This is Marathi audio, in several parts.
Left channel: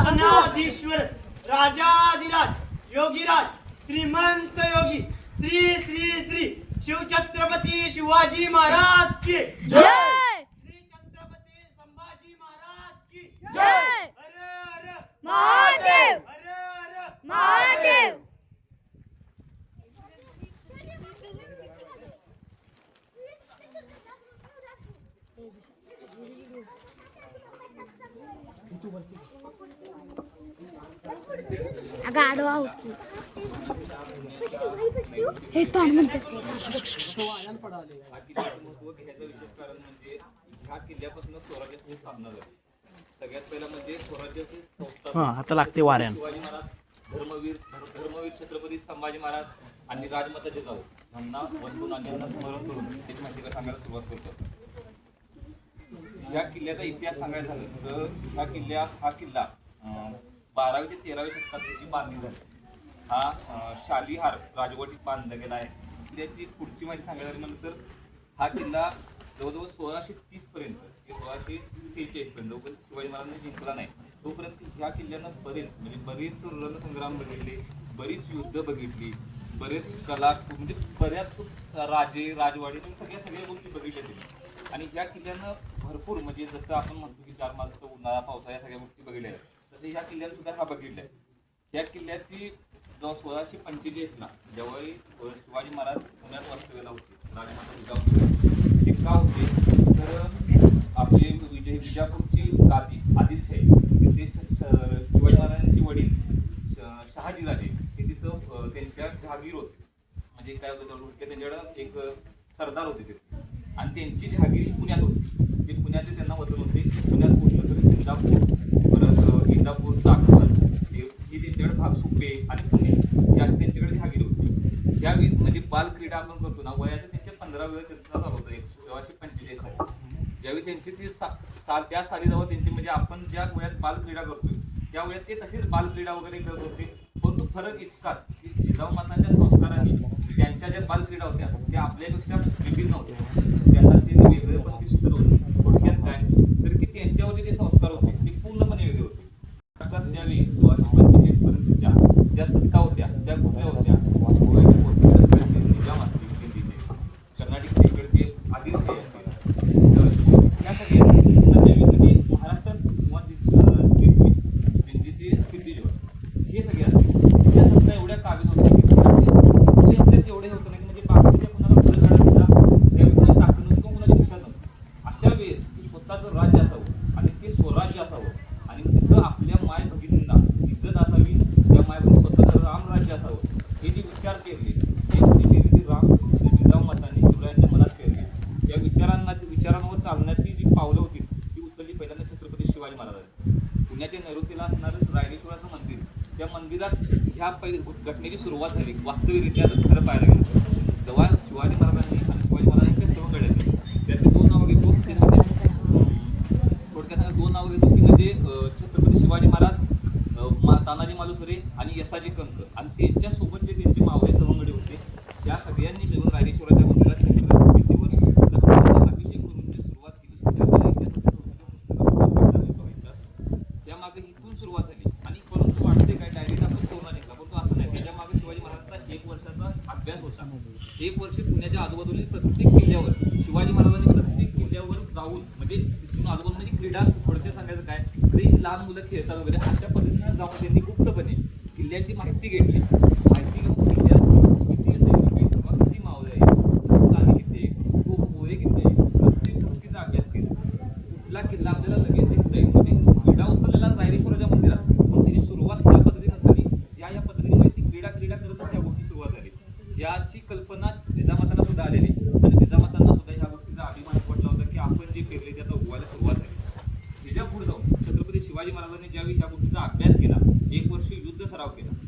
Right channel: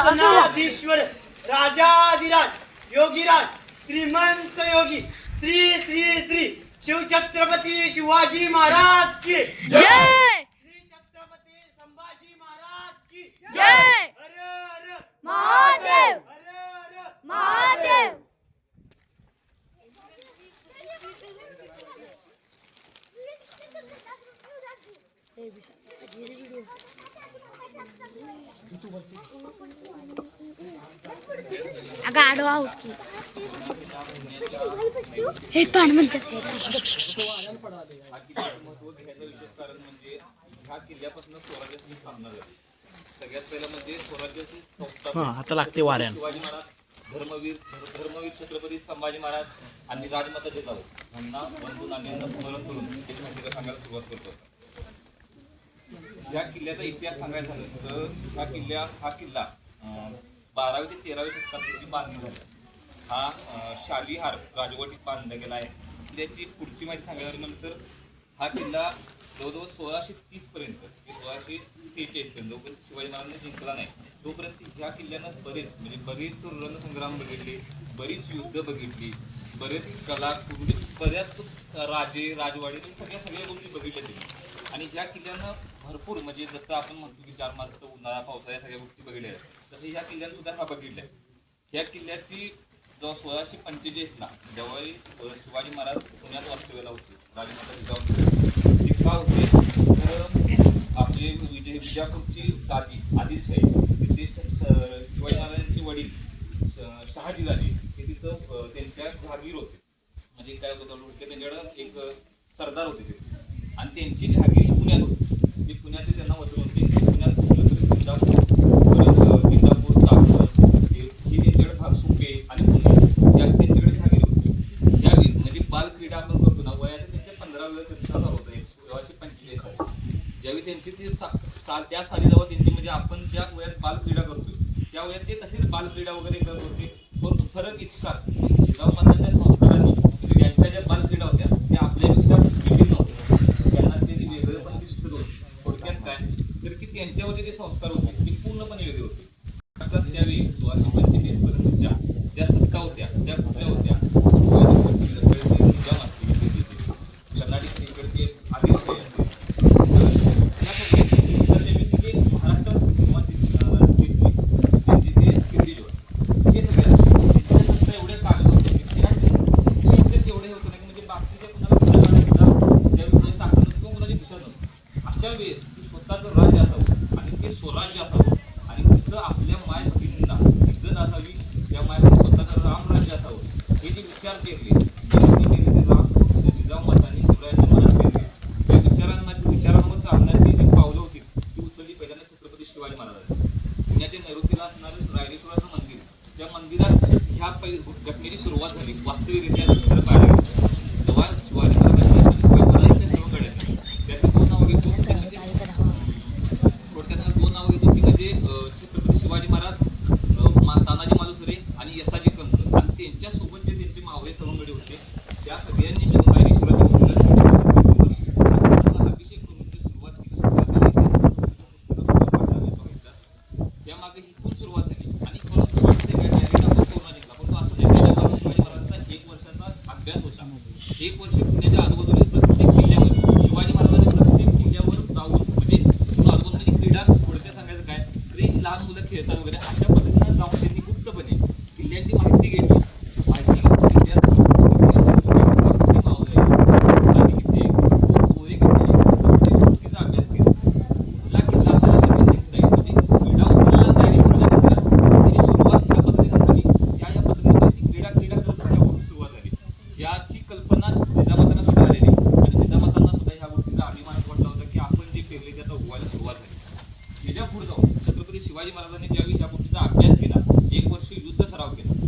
सिंहासनाधीश्वर राजाधिराज योगीराज श्रीमंत योगी। श्री श्री श्री शिवछत्रपती शिवाजी महाराज की। जय! श्री छत्रपती संभाजी महाराज की। जय! हर हर महादेव! हर हर। महादेव! अगं आडवा आहोत की. हे तोंड म्हणतात हे. किल्ल्याचं महत्त्व घ्यायचं विशेष कारण ह्या किल्ल्यापासून स्वराज्याचा सामना झाला सगळ्यात पहिला स्वराज्याचे संस्थापक आता लागते वाऱ्यान. धर्मवीर धर- धर्मवीर छत्रपती संभाजी महाराज आणि राजमाता जिजाऊ यांना वंदून आणि यांना स्मरण करून एक माहिती सांगायला सुरुवात करतो. या किल्ल्याचा इतिहास सांगायचा झालं तर हा किल्ल्या हा किल्ला अं, बारावी ते तेराव्या शतकात त्याची बांधणी झाली. हा शालिहार राजवटीत बांधला गेला आहे. त्याची पुढची माहिती सांगायला म्हणलं तर हा किल्ला जवळजवळ सोळाशे तीस पर्यंत सोळाशे सेहेचाळीस पर्यंत जोपर्यंत शिवाजी महाराजांनी जिंकला नाही तोपर्यंत ह्या किल्ल्यानं बरेच म्हणजे बरेच रणसंग्राम बघितले बरीच युद्ध बघितली बरेच कला म्हणजे बऱ्याच राजे राजवाडी म्हणजे सगळ्या सगळ्या गोष्टी बघितल्या त्यांनी आणि ह्या किल्ल्यानं भरपूर म्हणजे जसं आपण म्हणतो की चार माणसं उन्हाळा पावसाळा या सगळ्या गोष्टी बघितल्या. आहेत तसं ह्या किल्ल्याने सुद्धा हा बघितला आहे ह्या किल्ल्याची जेव्हा सोळाशे पंचेचाळीसला जेव्हा अ, शिवाजी महाराज पुण्यात वास्तव्याला होते. राजमाता जिजाऊ ते का होते तर आपले विजय विजापूरची गादी आदिलशाही तिथे शिवाजी महाराजांचे वडील श- शहाजीराजे हे तिथं त्यांच्या जहागीर होते. म्हणजे काय होतं त्यांच्याकडं एक सरदार होते ते. आणि त्यांची जहागीर पुण्यात होती. त्यांना वचन पुण्यात कुठलं तरी इंदापूर. परत इंदापूर चाकण हे हे त्यांच्याकडे भाग सुपे आणि पुणे हे त्यांच्याकडे जहागीर होती. या म्हणजे बाल क्रीडा आपण करतो ना वयात त्यांच्या पंधरा वेळा त्यांचा झाला होता एक सोळाशे पंचेचाळीस साली. ज्यावेळी त्यांची ती सा साल त्या साली जवळ त्यांची म्हणजे आपण ज्या वयात बाल क्रीडा करतोय त्या वयात ते तसेच बाल क्रीडा वगैरे करत होते. परंतु फरक इतकाच जिजाऊ मातांच्या संस्कारांनी त्यांच्या ज्या बाल क्रीडा होत्या त्या आपल्यापेक्षा विभिन्न होत्या त्यांना ते वेगळे पण दिसत होते थोडक्यात काय तर की त्यांच्यावरचे जे संस्कार होते ते पूर्णपणे वेगळे होते असं त्यावेळी सोळाशे पंचेचाळीस पर्यंतच्या ज्या सत्ता होत्या त्या कुठल्या होत्या गोव्याची पोर्तुगीजांकडे निजाम असतील ते तिथे कर्नाटकच्या इकडचे आदिलशाही असतील या सगळ्या नेहमी महाराष्ट्रात किंवा दिल्लीचे किल्लीजवळ हे सगळे त्या सत्ता एवढ्या कागद होत्या की त्या- त्यांच्यात एवढे होतं नाही की म्हणजे बाकीच्या कुणाला पुढे काढायचा त्या कुणाची ताकद नव्हती किंवा कुणाची दिशा नव्हती अशा वेळेस की स्वतःचं राज्य असावं आणि ते स्वराज्य असावं आणि तिथं आपल्या माय भगिनींना इज्जत असावी त्या माय भगिनी स्वतःचं राम राज्य असावं हे जे विचार केले ते केले ते राम जिजाऊ मातांनी शिवरायांच्या मनात केले त्या विचारांना विचारांवर चालण्याची जी पावलं होती ती उचलली पहिल्यांदा छत्रपती शिवाजी महाराजांनी पुण्याच्या नैऋत्येला असणारं रायरेश्वराचं मंदिर त्या मंदिरात ह्या पै घटनेची सुरुवात झाली वास्तविकरित्या खरं पाहायला गेलं तेव्हा शिवाजी महाराजांनी आणि शिवाजी महाराजांच्या सेवा गड्यातली त्यात दोन नावं घेतो म्हणजे थोडक्यात दोन नावं घेतो ती म्हणजे छत्रपती शिवाजी महाराज तानाजी मालुसरे आणि यसाजी कंक आणि त्यांच्यासोबत जे त्यांचे मावळे सवंगडी होते त्या सगळ्यांनी मिळून रायरेश्वराच्या मंदिरात छत्रपती आणि त्यांचा अभिषेक करून जी सुरुवात केली त्याला इतिहास पुस्तकात व्हायचा. त्यामागे इथून सुरुवात झाली आणि परत वाटते काय डायरेक्ट आपण कोरोना जिंकला परंतु असं नाही त्याच्यामागे शिवाजी महाराजांचा एक वर्षाचा अभ्यास होता एक वर्ष पुण्याच्या आजूबाजूला प्रत्येक किल्ल्यावर शिवाजी महाराजांनी प्रत्येक किल्ल्यावर जाऊन म्हणजे तिथून आजूबाजूला म्हणजे क्रीडा थोडक्यात सांगायचं काय तर ही लहान मुलं खेळतात वगैरे अशा पद्धतीनं जाऊन त्यांनी गुप्तपणे किल्ल्याची माहिती घेतली माहिती घेऊन किल्ल्यात किती असं किती मावळे आहे मुलांनी किती पोहे किती प्रत्येक गोष्टीचा अभ्यास केला कुठला किल्ला आपल्याला लगेच जिंकता येईल म्हणजे क्रीडा उतरला रायरेश्वराच्या मंदिरात त्याची सुरुवात त्या पद्धतीने झाली या या पद्धतीने ती क्रीडा क्रीडा करत त्या गोष्टी सुरुवात झाली याची कल्पना जिजामातांना सुद्धा आलेली आणि जिजामातांना सुद्धा ह्या गोष्टीचा अभिमान वाटला होता की आपण ते आता उगवायला सुरुवात झाली. ह्याच्या पुढे जाऊन छत्रपती शिवाजी महाराजांनी ज्यावेळी त्या गोष्टीचा अभ्यास केला एक वर्ष युद्ध सराव केला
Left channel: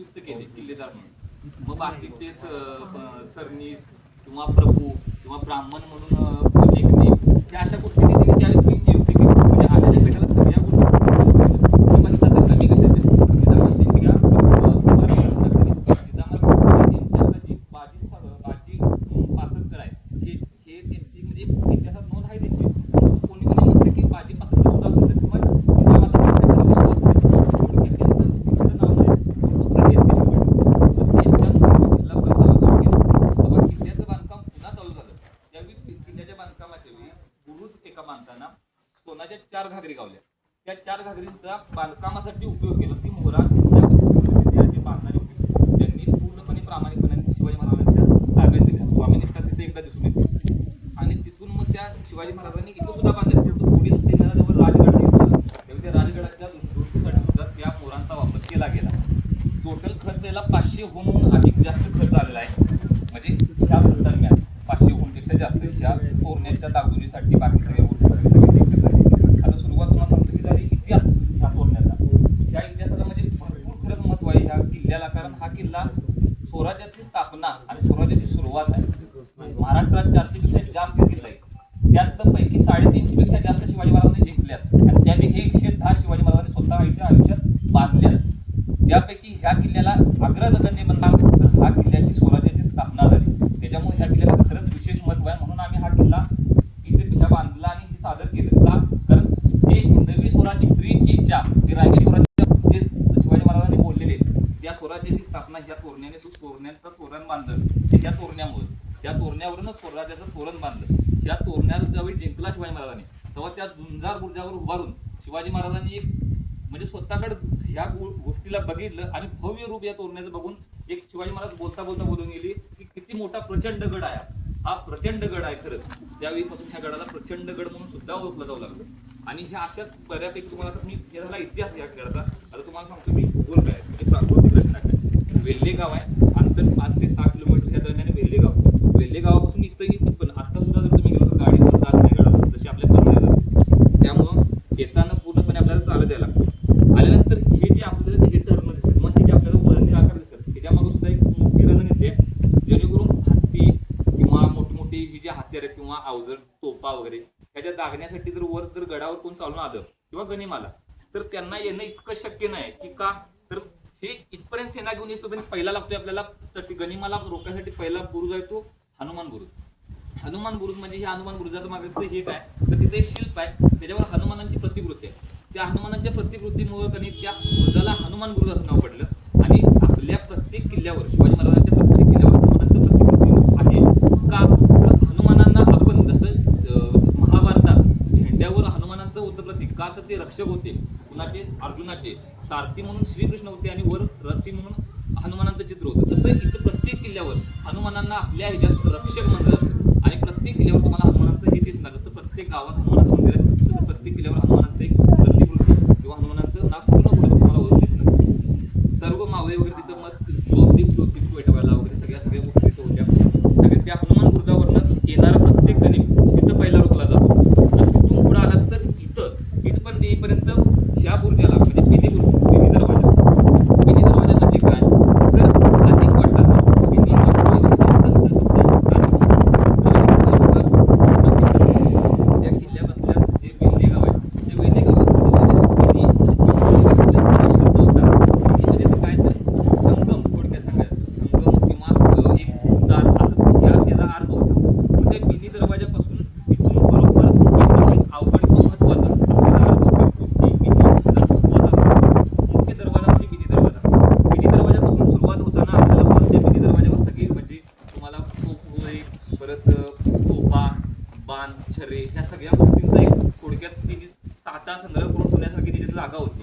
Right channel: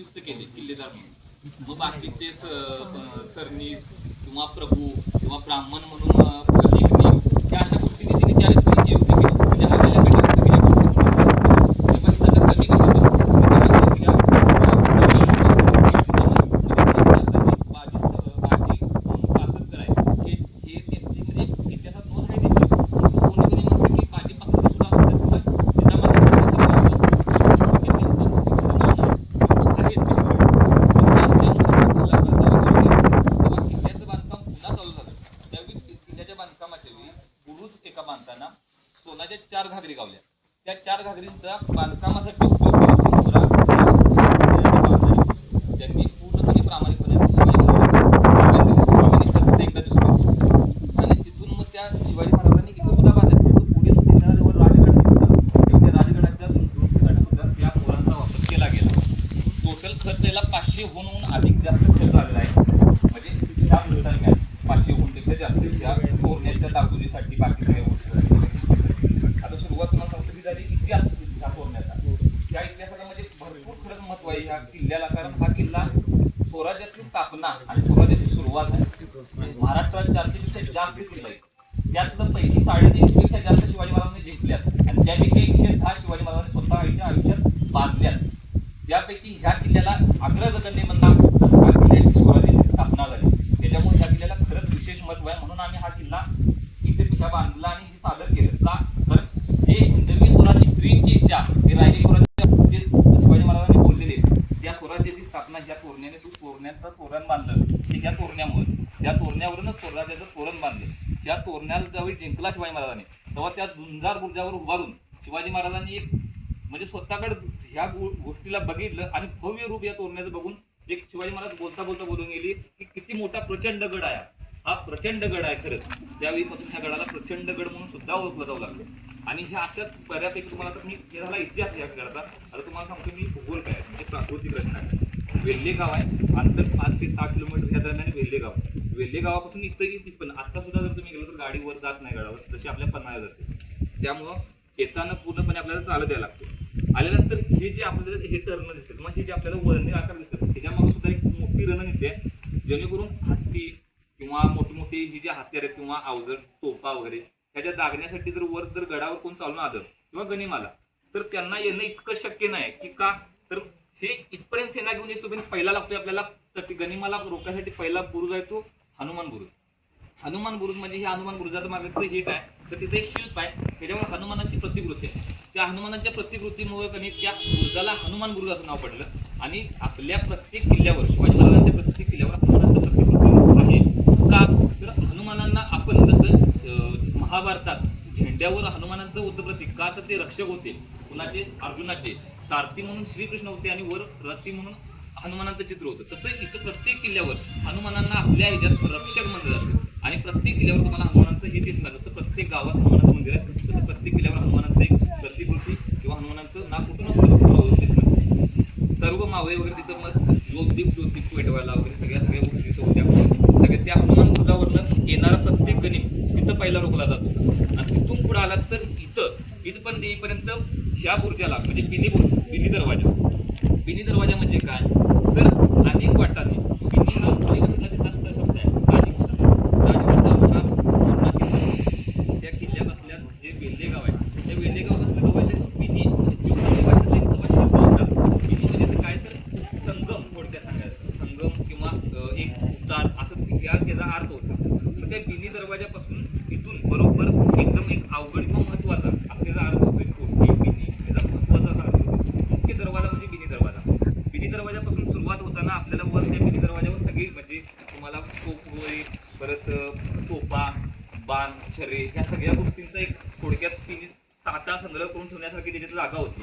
नियुक्त केले किल्लेदार म्हणून. मग बाकीचे सरनीस किंवा प्रभू किंवा ब्राह्मण म्हणून अशा गोष्टी तिथे त्यांनी त्यावेळेस पाचशेहून होऊन अधिक जास्त खर्च आलेला आहे. म्हणजे ह्या दरम्यान पाचशे होऊनपेक्षा जास्त ह्या तोरण्याच्या दागदुरीसाठी बाकी सगळ्या गोष्टी. आता सुरुवात तुम्हाला सांगतो की झाली इतिहास ह्या तोरण्याचा. त्या इतिहासाला म्हणजे भरपूर खरंच महत्त्व आहे ह्या किल्ल्याला. कारण हा किल्ला स्वराज्याची स्थापना आणि स्वराज्याची सुरुवात आहे. तोरण्याचं तोरण बांधलं. हे या तोरण्यामुळे. या तोरण्यावरूनच स्वराज्याचं तोरण बांधलं. या तोरण्याला ज्यावेळी जिंकला शिवाजी महाराजांनी. तेव्हा त्या झुंजार बुर्जावर उभारून शिवाजी महाराजांनी एक म्हणजे स्वतःकडे ह्या गोष्टीला बघितलं आणि भव्य रूप या तोरण्याचं बघून एक शिवाजी महाराज बोलता बोलता बोलून गेली की किती मोठा प्रचंड गड आहे हा. प्रचंड गड आहे खरंच. त्यावेळीपासून त्या गडाला प्रचंड गड म्हणून सुद्धा ओळखलं जाऊ लागलं. आणि ह्या अशाच बऱ्यापैकी तुम्हाला तर मी झाला इतिहास या गडाचा. आता तुम्हाला सांगतो मी भूगोल काय म्हणजे प्राकृतिक रचना काय वेल्हे गाव आहे. अंतर पाच ते सहा किलोमीटरच्या दरम्यान वेल्हे गाव वेल्हे गावापासून पण आत्ता सुद्धा जर तुम्ही घेऊन गाडी जात नाही गडावर जशी आपल्या पन्हाळा जाते त्यामुळं येताना पूर्णपणे आपल्याला चालत द्यावं लागतं. आल्यानंतर हे जे आपल्याला हे टर्न दिसतात मग हे जे आपल्याला वळणी आकार दिसतात त्याच्यामागं सुद्धा एक मोठी रणनीती आहे जेणेकरून हत्ती किंवा मोठमोठी ही जी हत्यार आहेत किंवा अवजड टोपा वगैरे त्याच्या दागण्यासाठी जर वर जर गडावर कोण चालून आलं किंवा गणिमाला तर त्यांना येणं इतकं शक्य नाही की का? तर हे इथपर्यंत सेना घेऊन येतो पण पहिला लागतोय आपल्याला गनिमाला रोखण्यासाठी पहिला बुरुज आहे तो हनुमान बुरुज. हनुमान बुरुज म्हणजे हे हनुमान बुरुजाचं मागे हे काय तर तिथे एक शिल्प आहे. त्याच्यावर हनुमानांची प्रतिकृती आहे. त्या हनुमानाच्या प्रतिकृतीमुळे त्यांनी त्या बुरुजाला हनुमान बुरुज असं नाव पडलं. आणि आपल्या प्रत्येक किल्ल्यावर शिवाजी महाराजांच्या प्रत्येक किल्ल्यावर हनुमानाचं प्रतिकृती आहे. का? तर हनुमानांना आपण जसं महाभारतात झेंड्यावर हनुमानांचं होतं प्रतीक का? तर ते रक्षक होते. कुणाचे? अर्जुनाचे. सारथी म्हणून श्रीकृष्ण होते आणि वर रथी म्हणून हनुमानाचं चित्र होतं. तसं इथं प्रत्येक किल्ल्यावर हनुमानांना आपल्या ह्याच्यात रक्षक मंडळ असते. आणि प्रत्येक किल्ल्यावर तुम्हाला हनुमानाचं हे दिसणार. जसं प्रत्येक गावात हनुमानाचं मंदिर आहे तसं प्रत्येक किल्ल्यावर हनुमानांचं एक प्रतिकृती किंवा हनुमानाचं नाव पूर्ण तुम्हाला वरून दिसणार. सर्व मावळे वगैरे तिथं मग ज्योतिप ज्योतिप पेटवायला वगैरे सगळ्या सगळ्या गोष्टी तिथं होत्या. सगळ्या त्या हनुमान बुरुजावरनं येणारा प्रत्येक गणित तिथं पहिला रोखला जातो आणि तिथून पुढे आलात तर इथं इथपर्यंत येईपर्यंत ह्या बुर्जाला म्हणजे पिनी बुर्ज पिनी दरवाजा पिनी दरवाजा म्हणजे काय तर अनेक वाटांना पिनी हा पूर्वीपासून शब्द आहे. आणि त्या किल्ल्यापासल्या जे वेल्हे गाव आहे त्या वेल्हे गावापासून पिनी पिनी भाषेतला एक शब्द होता पिनी म्हणजे काय तर संगम थोडक्यात सांगायचं संगम किंवा अ, एक तार असं त्या त्याचा अर्थ होता मग त्या पिनी दरवाजापासून इथून बरोबर एकदम एक अवघड किंवा महत्त्वाचा आपल्याला अर्थ होतो की पिनी त्याचा महत्त्वाचा अर्थ. मुख्य दरवाजा म्हणजे बिनी दरवाजा बिनी दरवाजापासून सुरुवात होताना आपल्याला पण त्या बिनी दरवाजावर सगळी म्हणजे तुम्हाला पोपगोळी परत अ, तोफा बाण छरे ह्या सगळ्या गोष्टींचा एक थोडक्यात तिने साठा संग्रह करून ठेवण्यासारखी त्याची जागा होती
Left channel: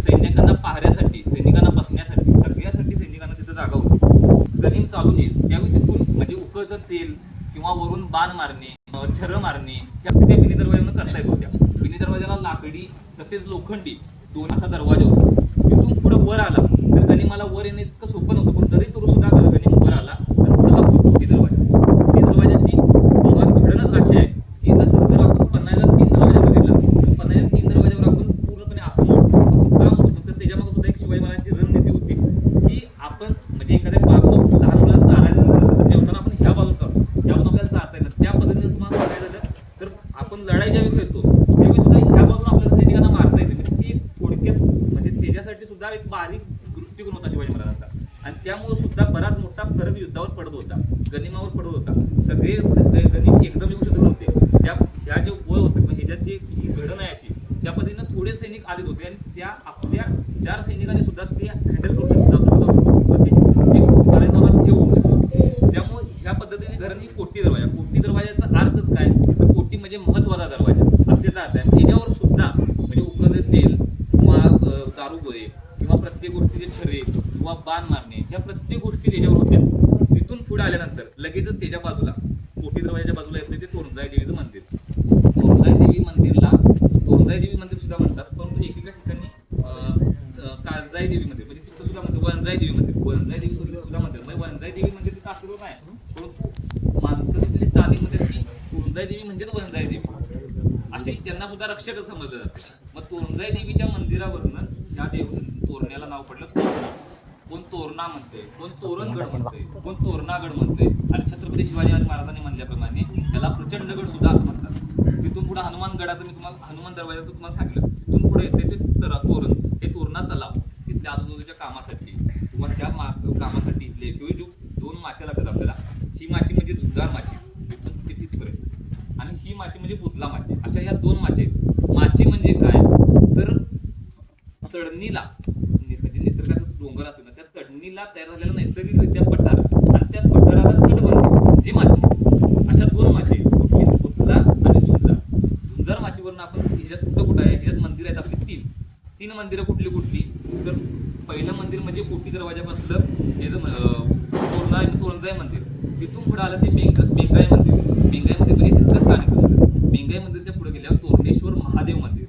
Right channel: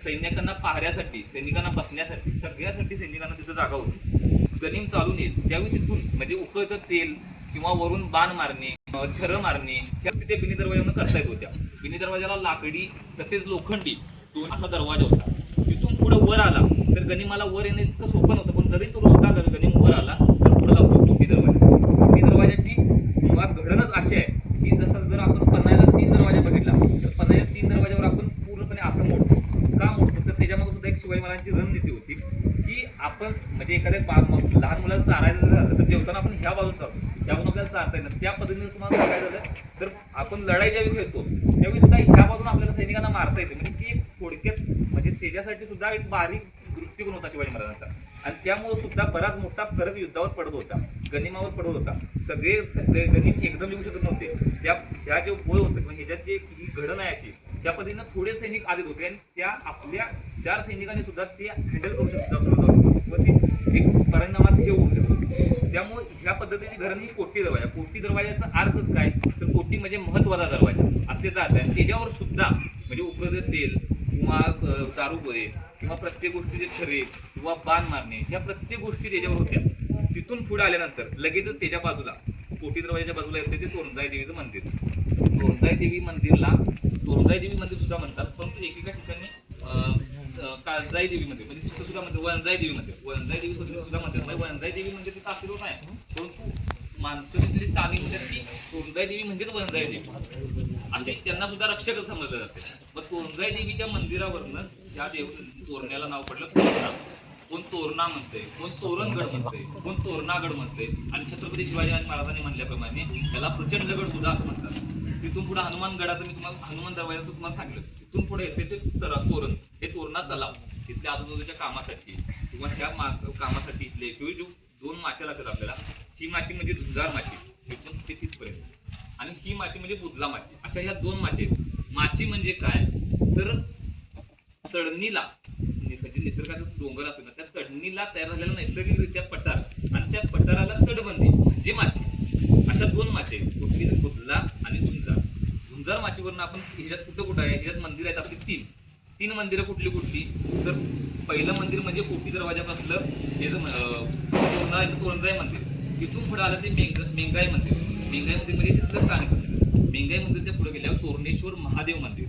सैनिकांना पाहण्यासाठी सैनिकांना बसण्यासाठी सगळ्यासाठी सैनिकांना तिथं जागा होती. गनिम चालून येईल. त्यावेळी तिथून म्हणजे उकळतं तेल किंवा वरून बाण मारणे छर मारणे ह्या तिथे बिनी दरवाजानं करता येत होत्या. बिनी दरवाजाला लाकडी तसेच लोखंडी दोन असा दरवाजा होता. तिथून पुढे वर आला तर गनिमाला वर येणे इतकं सोपं नव्हतं पण जरी तो रस्ता झाला गनिम वर आला तर पुढे लागतो कोटी दरवाजा. कोटी दरवाजाची मुळात घडणच अशी आहे की जसं जर आपण पन्नाचा तीन दरवाजा बघितला तर पन्नाच्या तीन दरवाजा आपण पूर्णपणे असं मोडतो का मोडतो तर त्याच्यामागे सुद्धा एक शिवाजी महाराजांची रणनीती होती की आपण म्हणजे एखाद्या बाजूला लहान मुलांना चारायचं झालं तर जेवताना आपण ह्या बाजूला चालतो यावरून आपल्याला चारता येतं. त्या पद्धतीने तुम्हाला सांगायचं झालं तर आपण लढाई ज्यावेळी खेळतो त्यावेळी सुद्धा ह्या बाजूला आपल्याला सैनिकांना मारता येते. म्हणजे ती थोडक्यात म्हणजे त्याच्यासाठी सुद्धा एक बारीक दृष्टिकोन होता शिवाजी महाराजांचा. आणि त्यामुळे सुद्धा बराच मोठा फरक युद्धावर पडत होता गनिमावर पडत होता. सगळे सगळे गनिम एकदम येऊ शकत नव्हते. त्या ह्या जे वय होतं म्हणजे ह्याच्यात जे घडण आहे अशी त्या पद्धतीनं थोडे सैनिक आलेत होते आणि त्या आपल्या चार सैनिकांनी सुद्धा ते हँडल करू शकतात एक परिणामात हे होऊ शकतो. त्यामुळे ह्या पद्धतीने घरांनी कोटी दरवाजा. कोटी दरवाजाचा अर्थच काय? तर कोटी म्हणजे महत्त्वाचा दरवाजा. असलेचा अर्थ आहे. त्याच्यावर सुद्धा म्हणजे उपलब्ध तेल किंवा अ, किंवा प्रत्येक गोष्टीचे छरे किंवा बाण मारणे ह्या प्रत्येक गोष्टी त्याच्यावर होत्या. तिथून पुढे आल्यानंतर लगेचच त्याच्या बाजूला कोटी दरवाजाच्या बाजूला येते ते तोरणजाई देवीचं मंदिर. तोरणजाई देवी मंदिरला काळजाई देवी मंदिर सुद्धा म्हणतात परंतु एकेका ठिकाणी काळजाई देवी मंदिर म्हणजे तिथं सुद्धा म्हणते वनजाई देवी मंदिर वनजाई देवी सुद्धा सुद्धा म्हणतात. म्हणजे वनजाई देवी मंदिर म्हणजे तिथं असलेलं नाही. परंतु माणसं तिथली स्थानिक म्हणजे की कोणजाई देवी म्हणजेच वनजाई देवी असे त्यांना सुद्धा रक्षक समजलं जाते. मग कोणजाई देवीच्या मंदिरावरनं या देव तोरण्याला नाव पडलं तोरणा. कोण तोरणा म्हणते कोण तोरणगड म्हणते कोण तोरणागड म्हणते. आणि छत्रपती शिवाजी महाराजांनी म्हणल्याप्रमाणे त्याला प्रचंडगड सुद्धा असं म्हणतात. तिथून पुढे हनुमान गडाचं मी तुम्हाला हनुमान दरवाजाचं तुम्हाला सांगितलं. तिथून पुढे येते ते तर तोरण. हे तोरणा तलाव. तिथल्या आजूबाजूच्या कामासाठी. किंवा त्या मा कामासाठी इथले किंवा जो दोन माच्या लागतात आपल्याला. ही माची म्हणजे झुंजार माची तिथून ते तिथपर्यंत. आणि ही माची म्हणजे बुधला माची अशा ह्या दोन माचे आहेत. माची म्हणजे काय? तर चढणीला म्हणजे निसर्गाचा डोंगर असतो ना त्या चढणीला तयार झालेला नैसर्गिकरित्या पठार. आणि त्या पठाराला तटबंदी म्हणजे माची अशा दोन माचे आहेत. कुठली बुधला आणि झुंजार झुंजार माचीवरून आपण ह्याच्यात कुठं कुठं आहे? ह्याच्यात मंदिर आहेत आपली तीन. तीन मंदिरं कुठली कुठली? तर पहिलं मंदिर म्हणजे कोटी दरवाजापासलं हे जो तोरणा तोरणजाई मंदिर. तिथून पुढे आलं ते बेंग बेंगाई मंदिर. बेंगाई मंदिर म्हणजे तिथलं स्थानिक मंदिर. बेंगाई मंदिरच्या पुढे गेल्यावर तोरणेश्वर महादेव मंदिर.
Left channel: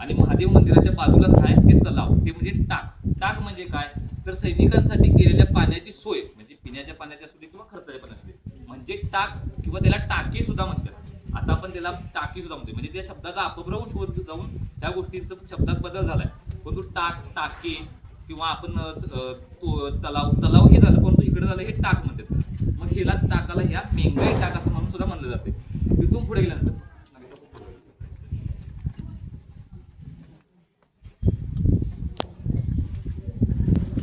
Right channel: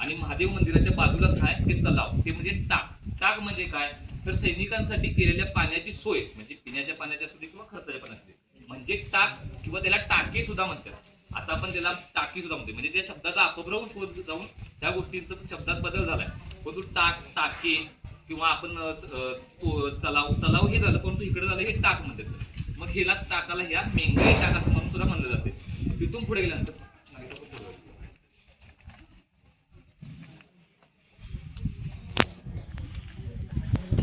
आणि महादेव मंदिराच्या बाजूलाच आहे ते तलाव. ते म्हणजे टाक. टाक म्हणजे काय? तर सैनिकांसाठी केलेल्या पाण्याची सोय म्हणजे पिण्याच्या पाण्याची असू दे किंवा खर्चाच्या पाण्याची म्हणजे टाक किंवा त्याला टाके सुद्धा म्हणतात. आता आपण त्याला टाकी सुद्धा म्हणतो म्हणजे त्या शब्दाचा अपभ्रंश होत जाऊन त्या गोष्टींचा शब्दात बदल झालाय. परंतु टाक टाके किंवा आपण तो तलाव तलाव हे झालं परंतु इकडे झालं हे टाक म्हणतात. मग ह्याला टाकाला ह्या मेंगाई टाक असं म्हणून सुद्धा म्हणलं जाते तिथून पुढे गेल्यानंतर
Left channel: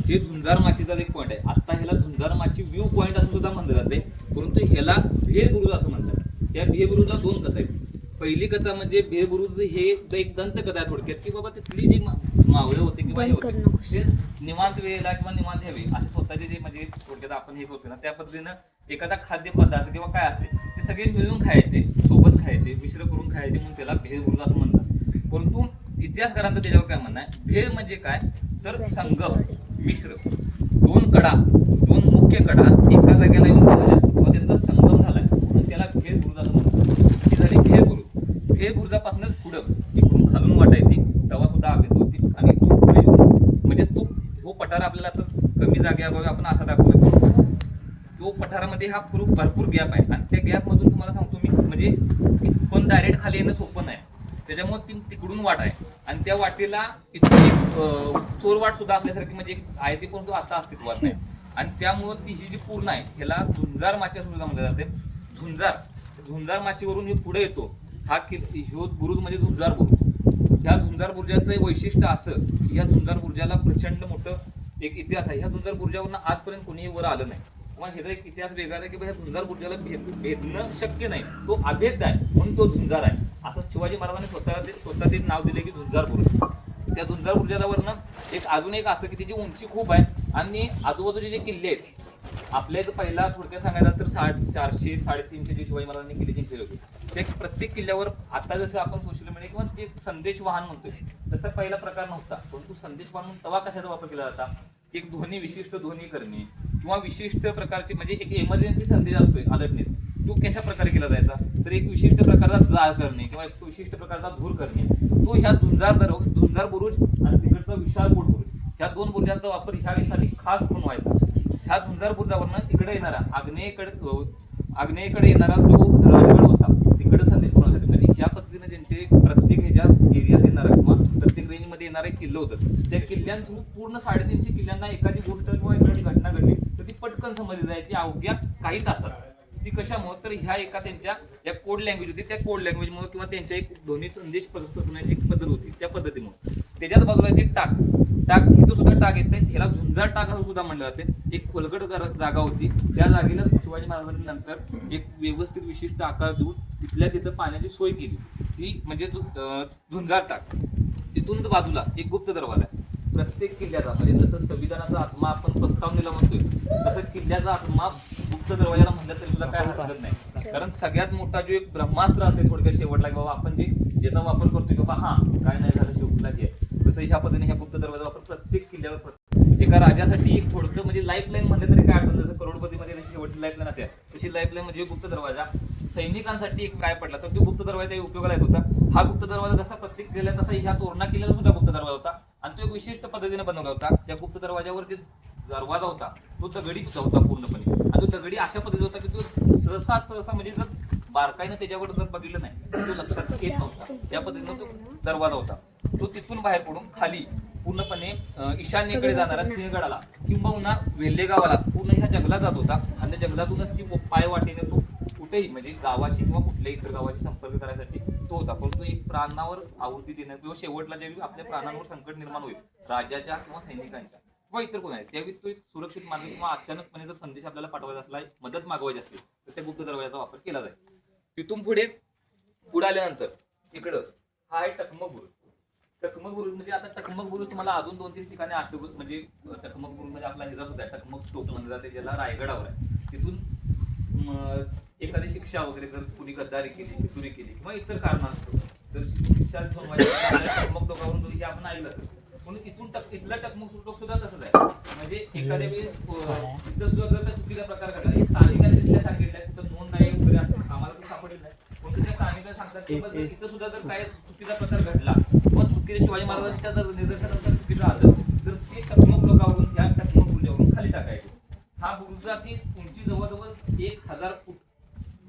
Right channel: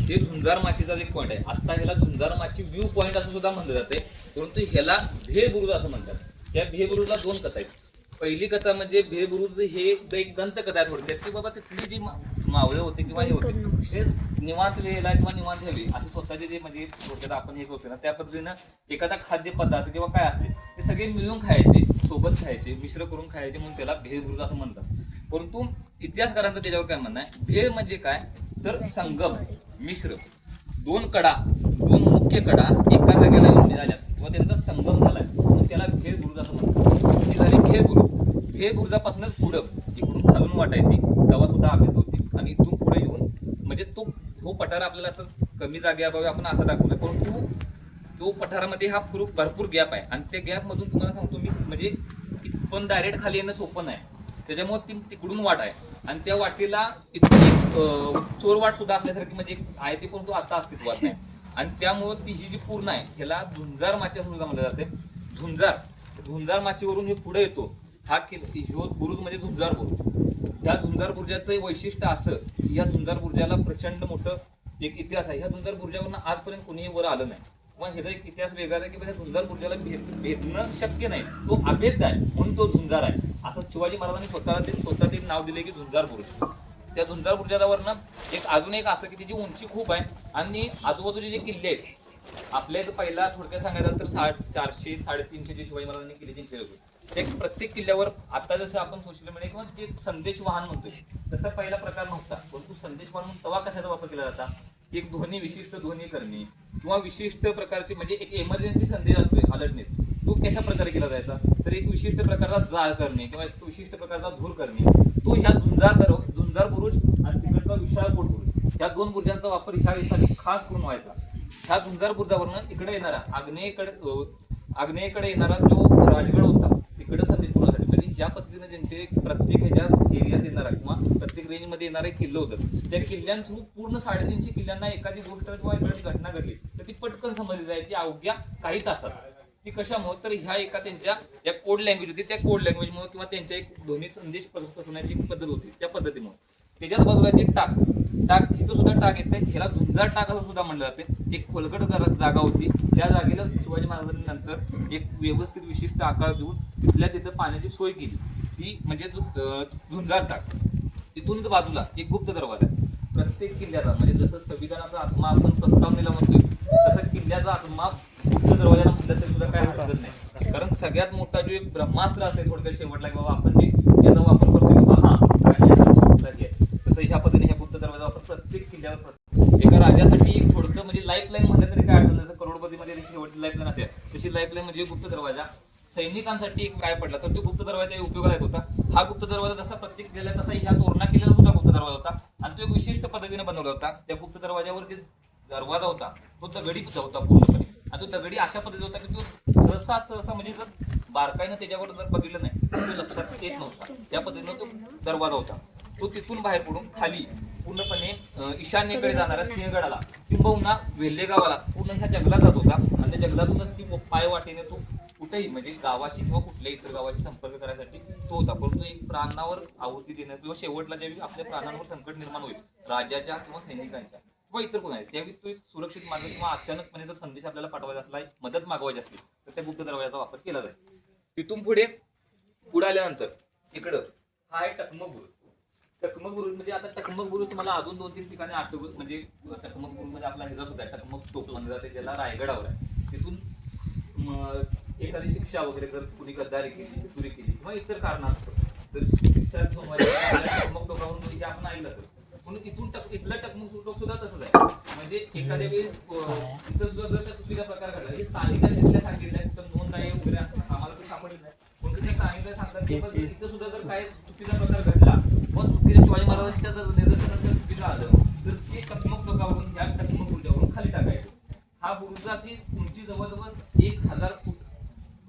हे झुंजार माचीचा एक पॉईंट आहे. आता ह्याला झुंजार माची व्ह्यू पॉईंट असं सुद्धा म्हणलं जाते परंतु ह्याला हे बुरुज असं म्हणतात. या भेबुरुजला दोन कथा आहेत. पहिली कथा म्हणजे भेबुरुज हे एक दंत कथा आहे थोडक्यात की बाबा तिथली जी मावळे होते किंवा हे होते ते निवांत वेळेला किंवा निवांत घ्यावी असे स्वतःचे जे म्हणजे थोडक्यात आपण हे करतो ना त्या पद्धतीनं एखादा खाद्य पदार्थ किंवा काय असते ते सगळे मिळून खायचे सोबत खायचे मिश्र करून खायचे म्हणून त्याला भेबुरुज असं म्हणतात. परंतु इतिहासकारांचं त्याच्यावर काय म्हणणं आहे? भेळ म्हणजे काय? तर संगम मिश्र. दोन कडा दोन मुख्य कडा एका जागेला येऊन झाल्या किंवा त्यांचा संगम झालाय. याला त्याला बुरुज असं म्हणतात. ही झाली भेळ बुरुज भेळ बुरुजापासूनच पुढं. इकडून खालून वाटा येते तेव्हा सुद्धा आम्ही होती आणि तो पुढे येऊन म्हणजे तो तो पठार आपल्याला तर कमी जागेअभावी आपण असा दाखवला पण तो पठारामध्ये हा फुरूक भरपूर गॅप आहे. आणि त्या गॅपमधून तुम्हाला सांगतो मी म्हणजे पण डायरेक्ट खाली येणं सोपं नाही. त्याच्यामुळे ती तिकडून वाट आहे. आणि त्या वाटेला इतकी चोर वाट सुद्धा असल्यासारखी म्हणजे आहे ती परंतु आता अस्तित्वात नाही. आणि त्यामुळे ती ही जी पूर्ण आहे ह्याला झुंजार माच्या सुद्धा म्हणलं जाते. झुंजार. झुंजार माचीवरून हे पुढे येतो. हा किल ह्यो बुरुज म्हणजे झुंजार बुरुज. या झुंजार बुर्जाचं एक वैशिष्ट्य असं की या झुंजार बुर्जाला प्रचंड मोठं एक इतिहास आहे. ह्या झुंजार बुर्जावरनं आजपर्यंत कोणीही वर आलं नाही. किंवा ह्याचा एक इतिहास वेगळा आहे की बा ह्या झुंजार बुर्जाला भेद भेदणं शक्य नाही. तो अभेद आहे म्हणून तो झुंजार आहे. असं शिवाजी महाराजांनी स्वतःला ते स्वतः ते नाव दिले की झुंजार बुरुज. त्या झुंजार बुर्जावरनं एक अजून एक असं की त्याची उंची खूप आहे आणि आजूबाजूचे जे किल्ले आहेत आपल्या इथं पहिला थोडक्यात सांगायला तर सा चारशे साडेतीनशे जे शिवाजी महाराजांनी किल्ले जिंकले होते ते प्रत्येक किल्ल्यावर आता जसं आपण सोशल मीडिया किंवा ते संदेश वाहन म्हणतो तसा पहिला प्रकार नव्हता. परंतु संदेश वाहन म्हणून तवा कशाचा वापर केला जाता? एक ध्वनी विशिष्ट ध्वनी करणे किंवा विशिष्ट प्रकारचे म्हणजे एक इमर्जन्सी संदेश असतोय अलर्टनेस तो कशा प्रकारे केला जायचा? तर एक विशिष्ट प्रकारचा जाळ करणे किंवा एक विशिष्ट प्रकारचा धूर करणे. तो ह्या झुंजार दर झुंजार बुरुज आणि तिकडचा विशाळ पोट बुरुज ह्या दोन बुरुजांचा वापर ह्यासाठी खास करून व्हायचा. ह्या झुंजार बुरुजावरनं इकडे येणारा आग्नेयकडे अं, आग्नेयकडे येणारा जो राजगड होता तिकडे संदेश कोणासाठी म्हणजे ज्या पद्धतीने ज्यांचे प्रत्येक ह्याच्या एरियात येणारा किंवा प्रत्येक रेंजमध्ये येणारा एक किल्लं होतं त्या किल्ल्यां थ्रू पूर्ण साडेतीनशे किल्ल्यांना एखादी गोष्ट किंवा एखादी घटना घडली तर ती पटकन समजली जायची अवघ्या काही तासात. ती कशामुळे? तर ह्या एका त्यांच्या ज्या कोड लँग्वेज होती त्या कोड लँग्वेजमुळे किंवा त्यांच्या एक ध्वनी संदेश पसरवण्याची एक पद्धत होती त्या पद्धतीमुळे. त्याच्यात बाजूला ते टाक. टाक हिचं सुद्धा टाक येते ह्याला झुंजार टाक असं सुद्धा म्हणलं जाते एक खोलगट जागा होती त्या जागेला शिवाजी महाराजांनी नंतर एक व्यवस्थित विशिष्ट आकार देऊन तिथल्या तिथं पाण्याची सोय केली ती म्हणजे झुंजार टाक तिथूनच बाजूला एक गुप्त दरवाजा आहे. प्रत्येक किल्ल्याचा म्हणजे जसं संविधानाचा आत्मा आपण प्रस्तावनेला म्हणतोय तसं किल्ल्याचा आत्मा गुप्त दरवाजाला म्हणलं तरी सुद्धा काय हरकत नाही कारण सगळ्यात मोठा जो एक ब्रह्मास्त्र असेल थोडक्यात शेवटला की बाबा आपण जे याचा वापर करतोय की बाबा हा काय नाही तसं ह्या पद्धतीने ह्या गुप्त दरवाजा वापर त्याच्यावर एका राजासाठी एक थोडकं म्हणजे लाईफ लाईन म्हणलं तरी काय अडचण जसं करोडपतीमध्ये शेवटची लाईफ लाईन असते तशी लाईफलाईन म्हणजे गुप्त दरवाजा. सैनिकांसाठी एक काय पडला तर तो गुप्त दरवाजा उपयोगाला येत होता. हा गुप्त दरवाजा जसा प्रत्येक गेला तसा ह्या तोरणा किल्ल्याला सुद्धा गुप्त दरवाजा होता. आणि तो एक विशिष्ट पद्धतीने बनवला होता. त्या गुप्त दरवाजावर जे दरवाजा होता तो दगडीचा होता पूर्णपणे. आणि तो दगडी अशा पद्धतीचा होता की तो सहसा सहसा म्हणजे जर बारकाईनं त्याच्यावर जर बघितलं नाही तर तो लक्षात येत नव्हता. त्या पद्धतीनं तो दरवाजा होता. तो तिथून बाहेर पडून खाली पूर्णपणे ईशान्येकडे जाणारा सिंहगडाला किंबहुना वेल्हे गावाला पूर्ण ह्या जंगलात जात होता. आणि त्या जंगलातूनच ती पाय वाटेने तो कुठेही म्हणजे गावाशी किंवा कुठल्याही इतर गावाशी संपर्क करायसाठी तो होता. परंतु एक प्राणावर आहुती देणं किंवा शेवटला ज्यावेळी आपल्या प्राणांवर संकट निर्माण होईल राजाच्या किंवा सैनिकांच्या किंवा इतर कोण आहे त्यावेळी तो एक सुरक्षित मार्ग किंवा अचानकपणे जर संदेश आपल्याला पाठवायचा असला मदत मागवायची असली तर त्या गुप्त दरवाजाचा वापर केला जाईल. तिथून पुढे पुढे आल्यानंतर इकडं हा आहे टकमक बुरुज टकमक बुरुज म्हणजे आता टकमक बुरुज तुम्हाला अजून दोन तीन ठिकाणी आठवत म्हणजे टकमक बुरुज म्हणजे आपला ह्याचा सुद्धा टकमक टोक म्हणलं जाते ज्याला रायगडावर आहे. तिथून एखादी शिक्षा वगैरे जर कुणी गद्दारी केली चोरी केली किंवा इतर कारण असतं तर शिक्षा सोडवायची टोकावरून आपण ऐकलं तर म्हणून तिथून टक इथलं टकमक टोक सुद्धा तसंच आहे. म्हणजे एखाद्या वेळेस अं, तिथं सुद्धा जर चुकीचा प्रकार घडला हे स्थानिकांनी तिथल्या सांगितलंय कुठं नोंद आहे वगैरे आम्हाला तर सापडलं नाही. पण तिथल्या स्थानिक सांगतात की तिथं सुद्धा जर काय चुकीचा प्रकार घडला मग चुकीच्या शिवाजी महाराजांच्या जर निदर्शनाचं चुकीचं आलं तर ते टकमक टोकावरून त्या टकमक बुर्जावरून खाली टाकायचं. हा बुर्जाची उंची जवळजवळ एक हजार फूट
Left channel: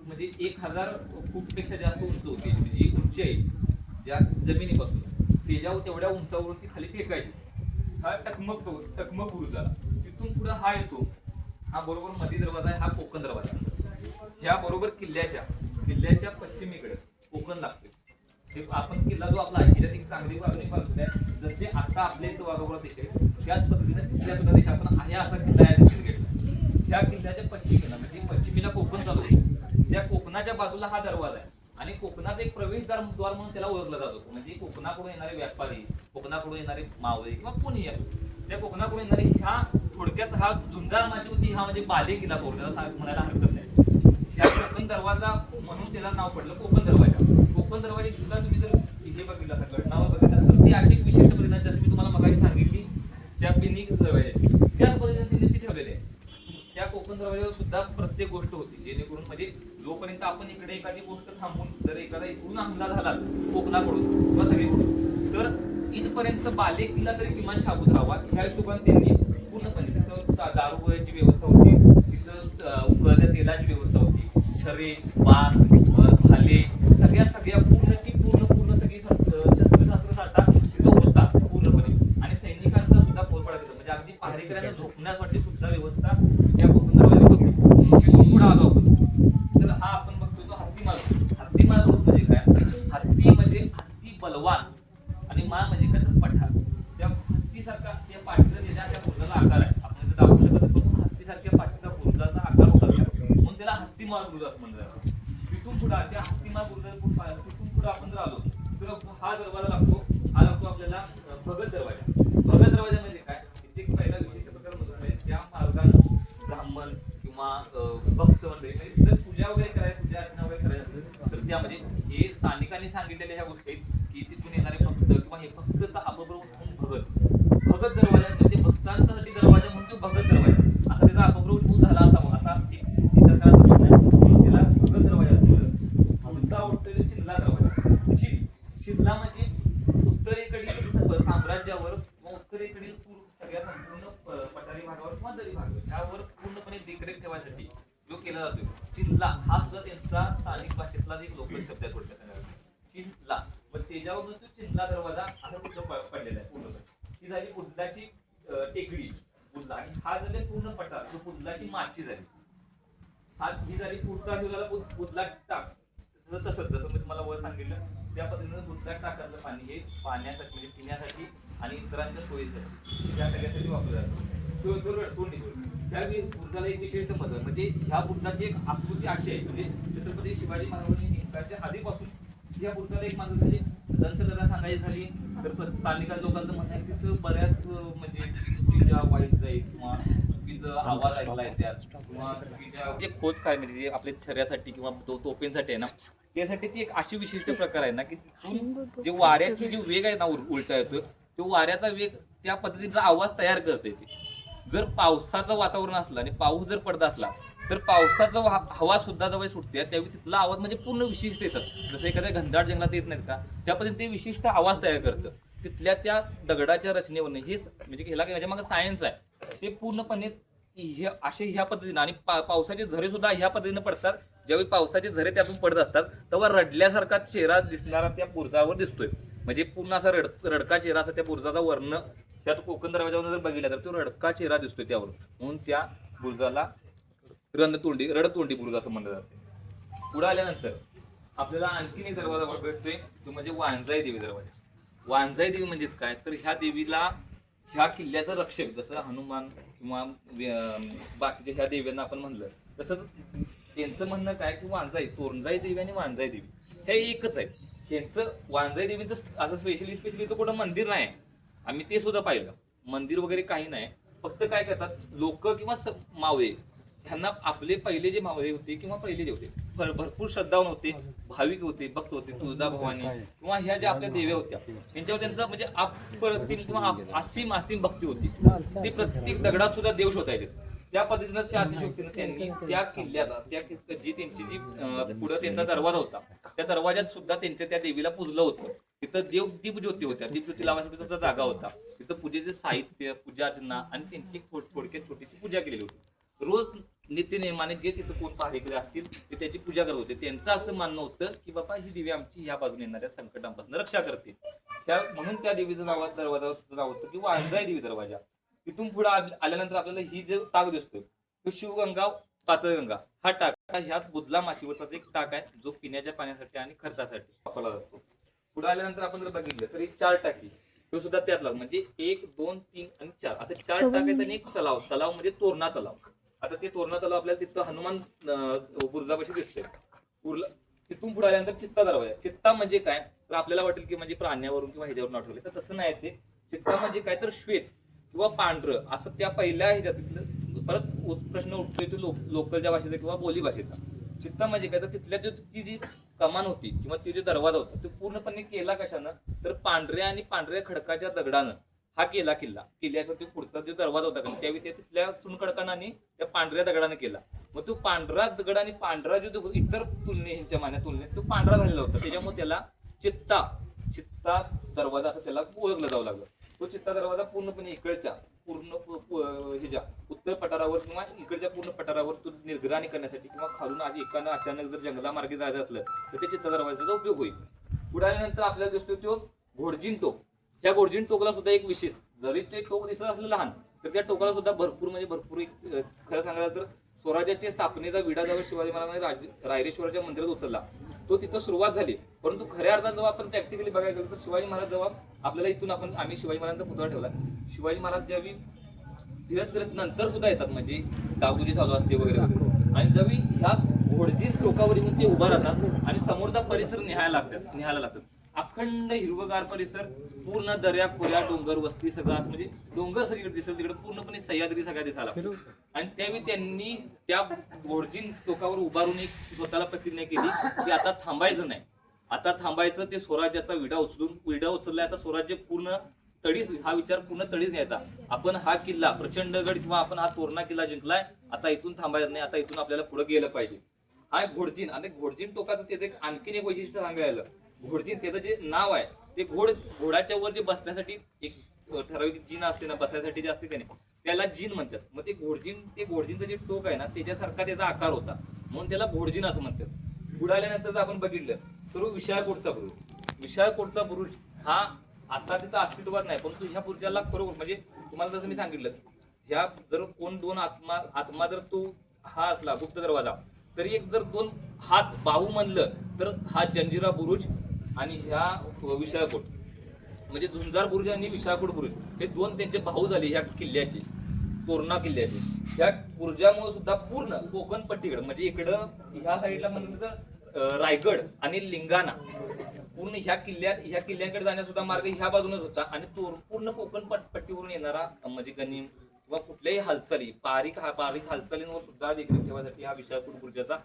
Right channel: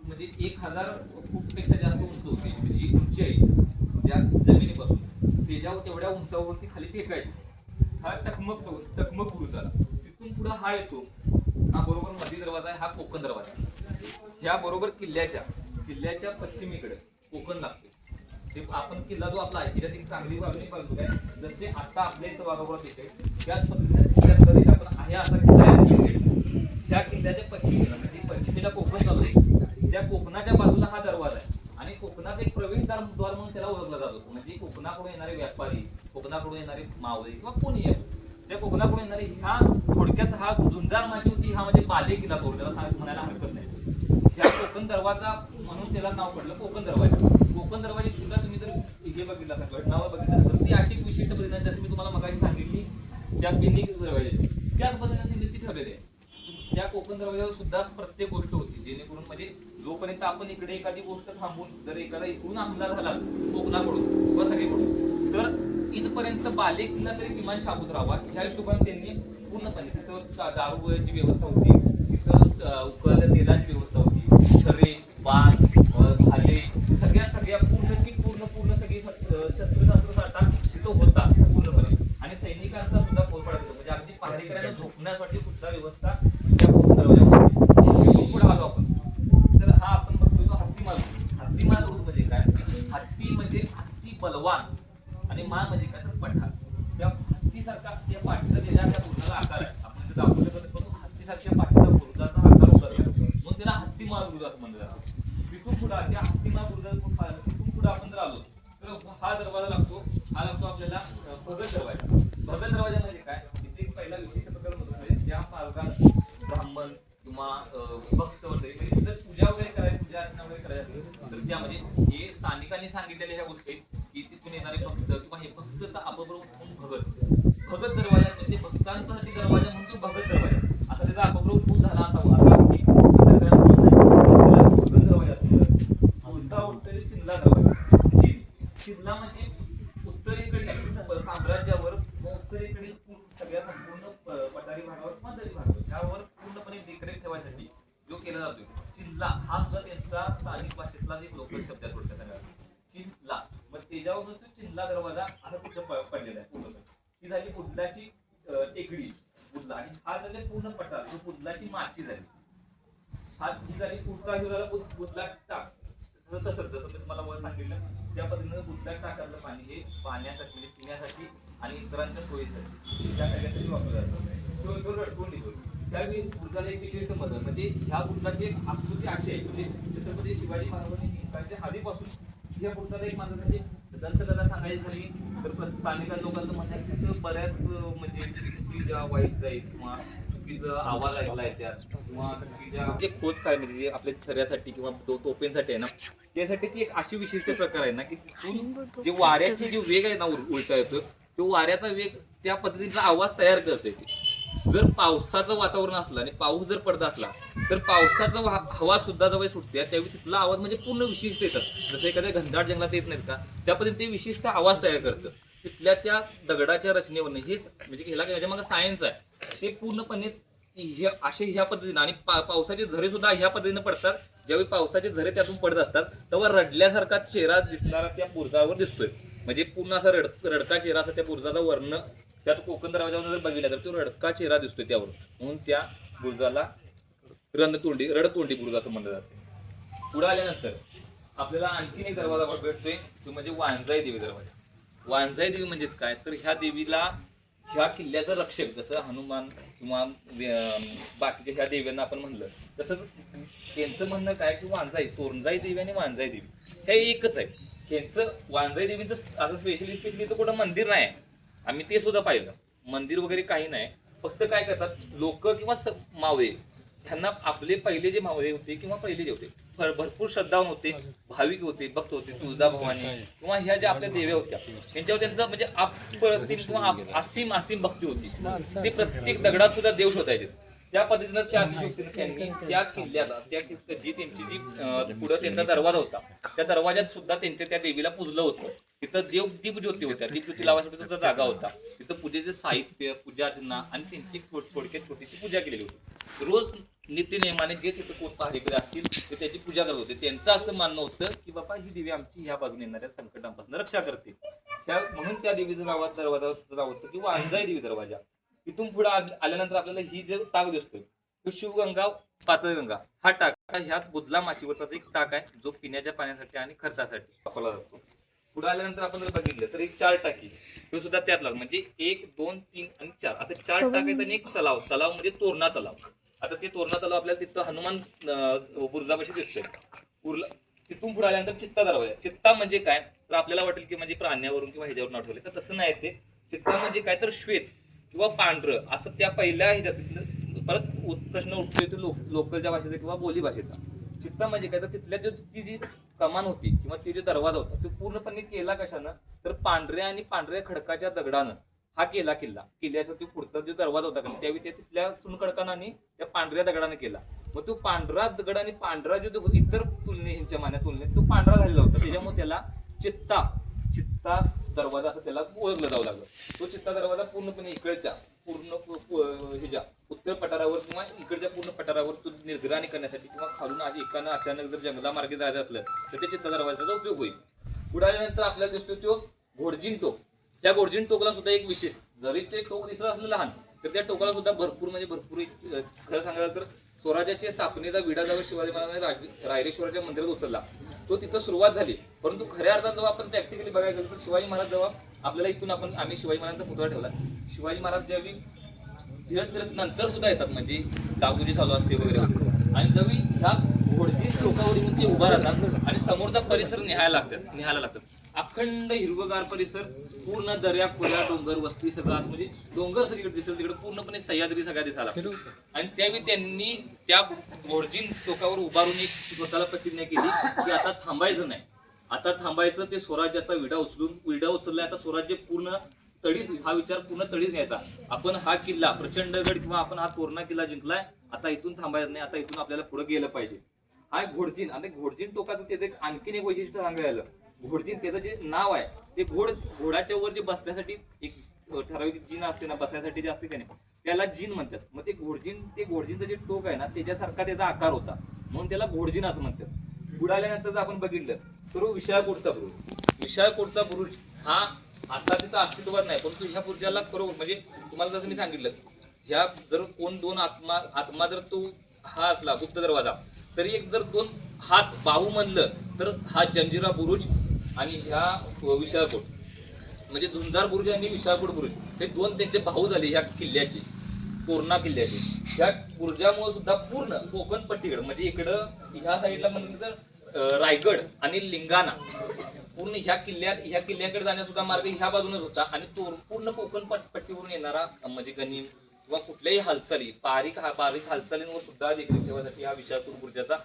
म्हणजे एक हजार फूटपेक्षा जास्त उंच होती म्हणजे एक उंची आहे ज्या जमिनीपासून. त्याच्यावर तेवढ्या उंचावरती खाली फेकायची. हा टकमक टकमक बुरुज झाला. तिथून पुढे हा येतो. हा बरोबर मधी दरवाजा आहे हा कोकण दरवाजा. ह्या बरोबर किल्ल्याच्या किल्ल्याच्या पश्चिमेकडे कोकण लागते. ते आपण किल्ला जो आपला आहे त्याच्यात एक चांगली बाजू पाहतो आहे. जसे आता आपल्या इथं वाघोबा देश आहे त्याच पद्धतीने तिथल्या प्रदेश आपण आहे असा किल्ला आहे त्या किल्ल्याच्या पश्चिमेला म्हणजे पश्चिमेला कोकण चालू त्या कोकणाच्या बाजूला हा दरवाजा आहे. आणि कोकणात एक प्रवेशद्वार द्वार म्हणून त्याला ओळखला जातो. म्हणजे कोकणाकडून येणारे व्यापारी कोकणाकडून येणारे मावळे किंवा कोणी आहे. त्या कोकणाकडून येणारे ह्या थोडक्यात हा झुंजार माझी होती हा म्हणजे बाले किल्ला तो म्हणायला हरकत नाही. त्या कोकण दरवाजा म्हणून त्याला नाव पडलं कोकण दरवाजा. कोकण दरवाजे सुद्धा तुम्ही जर हे बघितला असेल नाव बघितलं तर ती अशी एक विशिष्ट पद्धतीने जसं मी तुम्हाला मगाशी सांगितली त्या बिंदी दरवाजे त्याच पद्धतीने तिथे ठेवलेले आहे. त्या कोकण दरवाजावर सुद्धा प्रत्येक गोष्ट होती. जेणेकरून म्हणजे जोपर्यंत आपण इकडे एखादी गोष्ट थांबून जर एखादा इकडून हमला झाला कोकणाकडून किंवा सगळीकडून तर इथपर्यंत बाले किल्ला तरी किमान शाबूत राहावा. ह्या हिशोबाने त्यांनी पूर्णपणे तिथं दा- व्यवस्था होती. तिथं उकळल्या तेलाची व्यवस्था होती. छरे बाण भाले सगळ्या सगळ्या पूर्णची पूर्ण पूर्ण सगळी शस्त्र तिथं होता पूर्णपणे. आणि सैनिकांचा सुद्धा पोलपाडा म्हणजे अगदी पहारेकऱ्यांना झोपण्यासाठी सुद्धा व्यवस्था त्या कोकण दरवाजाची होती. तिथून पुढे आलो आपण तर हा आपण बघतो तो हत्ती माल हत्ती माल म्हणजे काय हत्ती म्हणजे हत्ती बलवान आणि मा म्हणजे काय तर पठार त्या हत्तीसारखा त्या पाठीचा दिल्या त्या बुरुजाला आकार आहे आपण इथे दाखवू शकत असतो तो हत्तीसारख्या पाठीचा बुरुजाचा आकार होता त्या. म्हणून त्याला हत्ती माळ बुरुज असं म्हणलं जातं तिथून पुढे त्या हत्ती माळ बुरुजाला पुढे पाहिलं तिथून पुढे आपण जर आलो तर हा दरवाजा लागतो हा लागतो आपल्याला अं, भगत दरवाजा भगत दरवाजा म्हणजे काय इथे एक पहिला विशिष्ट प्रकार म्हणतो म्हणजे ज्या मार्गाने ब्राह्मण किंवा अं, भक्त वगैरे काही जर पूजा वगैरे करायची पूजा अर्चना वगैरे करायची असेल, तर त्यामध्ये हे स्थानिकांनी सांगितलेल्या ह्या गोष्टी आहेत की तिथून येणारे भक्त किंवा हे भक्त अपबरोबर उठून भगत भगत दरवाजा म्हणजे भक्तांसाठी दरवाजा म्हणून तो भगत दरवाजा असा त्याचा अपबरोबर उठून झाला असावा असा एक इतर ग्रंथ म्हणतात. त्याला भगत दरवाजा असतो. उलटा उत्तरी चिल्ला दरवाजा चिल चिल्ला म्हणजे उत्तरेकडील साम्राज्यावर मग उत्तरेकडील पूर्ण- सगळ्या संपूर्ण प- पठारी भागावर किंवा दरी भागावर ह्यावर पूर्णपणे देखरेख ठेवायसाठी जो केला जातोय चिल्ला हा सुद्धा त्यांचा स्थानिक भाषेतला एक लोकल शब्द आहे थोडक्यात सांगायला. चिल्ला मग त्याच्यावर तो चिल्ला दरवाजा असा तिथं प- पडलेला आहे पूर्णपणे ही झाली बुद्धाची अं, टेकडी बुद्धा आणि हा झाले पूर्ण पठार तो बुद्धाची माची झाली हा ही झाली पुढचा जो झाला बुध- बुधला टाक सर जसं मी तुम्हाला वर सांगितलं त्या पद्धतीनं सुद्धा टाकलं पाणी हे पाण्यासाठी म्हणजे पिण्यासाठी आणि इतरांच्या सोयीसाठी या सगळ्यासाठी वापरलं जातं तो तो रडकून निघून त्यावेळी बुद्धाला एक विशिष्ट मदत म्हणजे ह्या बुद्धाची एक आकृती अशी आहे म्हणजे छत्रपती शिवाजी महाराजांनी इंग्रजांच्या आधीपासून या बुद्धाला एक मानत झाली दंतकथा सांगायची झाली तर प्र- स्थानिक लोकांचं म्हणणं आहे की बऱ्याच म्हणजे वाईट जाईल किंवा चुकीचा आवाज आहे त्यात किंवा जे खोच काय म्हणजे जे आपल्या शरीरासाठी किंवा तो तोपेंसाठी आहे ना त्यासाठी ती एक अशी विशिष्ट प्रकार आहे ना की तिथून जे वाऱ्याचे जे वेग आहे ना उलटा येतो तो वाऱ्याचा वेग त्या पद्धतीचा आवाज तयार करत ती. जर पावसाचं वातावरण असलं आणि पाऊस जर पडत असला तर पावसाचा हवा सुद्धा जवळ सुटते त्यावेळी तिथला आवाज म्हणजे पूर्ण विशिष्ट येतात जसं एखाद्या घनदाट जंगलात येत नाहीत का त्या पद्धतीने ते विशिष्ट आवाज तयार करतं. तिथल्या त्या दगडाच्या रचनेवरनं हे म्हणजे ह्याला ह्याच्या मागे सायन्स आहे. ते पूर्णपणे ह्या असे ह्या पद्धतीनं आणि पा- पावसाचे झरे सुद्धा ह्या पद्धतीनं पडतात. ज्यावेळी पावसाचे झरे त्यातून पडत असतात तेव्हा रडल्यासारखा चेहरा दिसणारा त्या बुरजावर दिसतोय. म्हणजे पूर्ण असा रड रडका चेहरा असा त्या बुरजाचा वर्ण त्यात कोकण दरवाजावर जर बघितला तर तो रडका चेहरा दिसतोय त्यावर म्हणून त्या बुरजाला रणतोंडी रडतोंडी बुरुज असं म्हणलं जातं. पुढे आल्यानंतर आपल्याला आणखीन एक दरवाजा भेटतोय तो म्हणजे वांजाई देवी दरवाजा. वांजाई देवी म्हणजेच काय? तर ह्या देवीला ह्या किल्ल्याचं रक्षक जसं हनुमान किंवा बाकीच्या ह्या देव्यांना आपण म्हणलं तसंच त्यांचं म्हणणं काय की वांजाई तोरणजाई देवी आणि वांजाई देवी. हे एकच आहे. त्यांचं वांजाई देवीचं असं स्पेशली स्पेशली तर कुठं मंदिर नाही आहे. आम्ही ते सुद्धा पाहिलं. मंदिर वगैरे काही नाही. फक्त काय करतात लोक किंवा स- मावळे. त्यांना आपले पहिले जे मावळे होते किंवा पहिले जे होते भर- भरपूर श्रद्धावान होते भाविक होते भक्त होते तुळजाभवानी किंवा ह्या ज्या आपल्या देव्या होत्या त्यांच्यावर त्यांचं म्हणजे अप्रतिम किंवा अप- असीम असीम भक्ती होती. ते प्रत्येक दगडात सुद्धा देव शोधायचे. त्या पद्धतीनं त्या अतिशयोक्तीनं त्यांनी त्या किल्ल्याला त्या कि- जी त्यांची जी अं, पुढं त्यांचा दरवाजा होता त्या दरवाज्यात सुद्धा त्यांच्या त्या देवीला पूजलं होतं. तिथं देव दीपज्योती होत्या. दीपज्योती लावायसाठी सुद्धा जागा होता. तिथं पूजेचे साहित्य पूजा अर्चना आणि त्यांची एक थोड- थोडक्यात छोटीशी पूजा केलेली होती. रोज नित्यनेमाने जे तिथं कोण पहारेकडे असतील ते त्याची पूजा करत होते. त्यांचं असं मानणं होतं की बाबा ही देवी आमची ह्या बाजूने येणाऱ्या संकटांपासून रक्षा करते त्या म्हणून त्या देवीचं नाव दरवाजा नाव होतं की वांजाई देवी दरवाजा तिथून पुढे आल्यानंतर आपल्याला ही जे टाक दिसतोय तो शिवगंगा पातळगंगा हा टाक ह्यात बुधला माचीवरचा एक टाक आहे जो पिण्याच्या पाण्यासाठी आणि खर्चासाठी वापरला जातो. पुढे आल्यानंतर आपण जर बघितलं तर एक चार टाकी तो सुद्धा त्यात लागतो म्हणजे एक दोन तीन आणि चार असे चार टाक आहेत आणि एक तलाव तलाव म्हणजे तोरणा तलाव. आता ते तोरणा तलाव आपल्याला तिथं हनुमान अं, बुरुजापाशी उरला तिथून पुढे आल्यानंतर चित्ता दरवाजा. आहे. चित्ता म्हणजे काय? तर आपल्याला वाटेल की म्हणजे प्राण्यावरून किंवा ह्याच्यावरून आठवले. तर तसं नाही ते. चित्ता म्हणजे काय तर श्वेत किंवा पांढरं. असं त्या पहिल्या ह्याच्यात परत प्रश्न उठतोय तो लोक लोकलच्या भाषेचा किंवा बोली भाषेचा. चित्ता म्हणजे काय? तर तिथल्या जो ती जी कमान होती किंवा ती जो दरवाजा होता तो पूर्णपणे केला कशानं? तर पांढऱ्या आणि पांढऱ्या खडकाच्या दगडानं. हा केला किल्ला. किल्ल्याचा तो पुढचा जो दरवाजा होता का त्यावेळी ते तिथल्या चुनखडकानं आणि त्या पांढऱ्या दगडाने केला. मग तो पांढरा दगड आणि पांढरा जो इतर तुलने ह्यांच्या मान्या तुलनेत तो पांढरा झालेला होता. त्याच्यामुळे त्याला चित्ता चित्ता दरवाजा असं त्याला ओळखलं जाऊ लागलं. तो चित्ता दरवाजा पूर्णपणे इकडच्या पूर्ण ह्याच्या उत्तर पठारावर किंवा इकडच्या पूर्ण पठारावर तो निर्ग्राणी करण्यासाठी किंवा खालून आधी एकानं अचानक जर जंगलामार्गे जायचं असलं तर त्या चित्ता दरवाजाचा उपयोग होईल. पुढे आल्यानंतर आपल्याला दिसतो तो घोडजिंतो. त्या घोडजिन टोकला सुद्धा एक विशेष जरी ते टोक दिसत असलं लहान तर त्या टोकाला सुद्धा भरपूर म्हणजे भरपूर एक, खरं सांगायला तर स्वराज्याच्या स्थापनेचा विडा जेव्हा शिवाजी महाराजांनी रायरेश्वराच्या मंदिरात उचलला. तो तिथं सुरुवात झाली. परंतु खऱ्या अर्थात जेव्हा आपण प्रॅक्टिकली बघायला गेलो तर शिवाजी महाराज जेव्हा आपल्याला इथून आपण आम्ही शिवाजी महाराजांचा पुतळा ठेवला. शिवाजी महाराज ज्यावेळी फिरत फिरत नंतर सुद्धा येतात म्हणजे दागुजी चालू असते वगैरे. आणि ज्यावेळी ह्या घोडजी टोकावरील ते उभा राहतात आणि समोरचा परिसर निहायला लागतात निहायला लागतात. अखंड हिरवगार परिसर पूर्ण दर्या खोल्या डोंगर वस्ती सगळं असं म्हणजे डोंगर सगळीकडे दिसेल तिकडे पूर्णपणे सह्याद्री सगळ्या दिसायला. आणि त्यावेळी त्यांनी त्या घोडजीन टोकावर उभारून एक स्वतःला प्रतिज्ञा केली की आता थांबायचं नाही. आता थांबायचं ते स्वराज्याचा विडा उचलून विडा उचललाय आता स्वराज्य पूर्ण तडीस हा विचार पूर्ण तडीस घ्यायचा. आपण हा किल्ला प्रचंडगड किंवा आपण हा तोरणा किल्ला जिंकलाय आता इथून थांबायचं नाही आता इथून आपल्याला पुढे गेलं पाहिजे. हा घोडजीन आणि घोडजीन टोकाचं त्याचं एक आणखीन एक वैशिष्ट्य सांगायला घोडजीन त्याचं जे नाव आहे ते घोड घोडाच्या वर जे बसण्यासाठी एक ठराविक जीन असते ना बसण्यासाठी जे असते त्याने त्याला जीन म्हणतात. मग ते घोडजीन ते घोडजीनचं जे टोक आहे ना त्याच्यासारखा त्याचा आकार होता. म्हणून त्याला घोडजीन असं म्हणतात. बुडाल्यानंतर जर आपण बघितलं तर विशाळकोटचा बुरुज. विशाळकोटचा पुरुष हा आता तिथं अस्तित्वात नाही परंतु ह्या पुरुषाला खरोखर म्हणजे तुम्हाला जसं मी सांगितलं ह्या जर कोण दोन आत्मा आत्मा जर तो हा असला गुप्त दरवाजा तरी एक जर दोन हात बाहू म्हणलं तर हा जंजिरा बुरुज आणि ह्या विशाळकोट म्हणजे झुंजार बुरुज आणि विशाळकोट बुरुज हे दोन त्यांचे भाऊ झाले ह्या किल्ल्याचे तोरणा किल्ल्याचे. ह्या बुरुजामुळे सुद्धा पूर्ण कोकण पट्टीकडे म्हणजे इकडं ह्या साईडला म्हणजे तर रायगड आणि लिंगाणा पूर्ण ह्या किल्ल्यात ह्या किल्ल्याकडे जाण्यासुद्धा मार्ग ह्या बाजूनच होता. आणि तो पूर्ण कोकण पट्टीवरून येणारा म्हणजे गणिम किंवा कुठल्याही हालचाली पारिक हा पारिक हालचालींवर सुद्धा देखील ठेवण्यासाठी हा विशाळपूर बुरुजाचा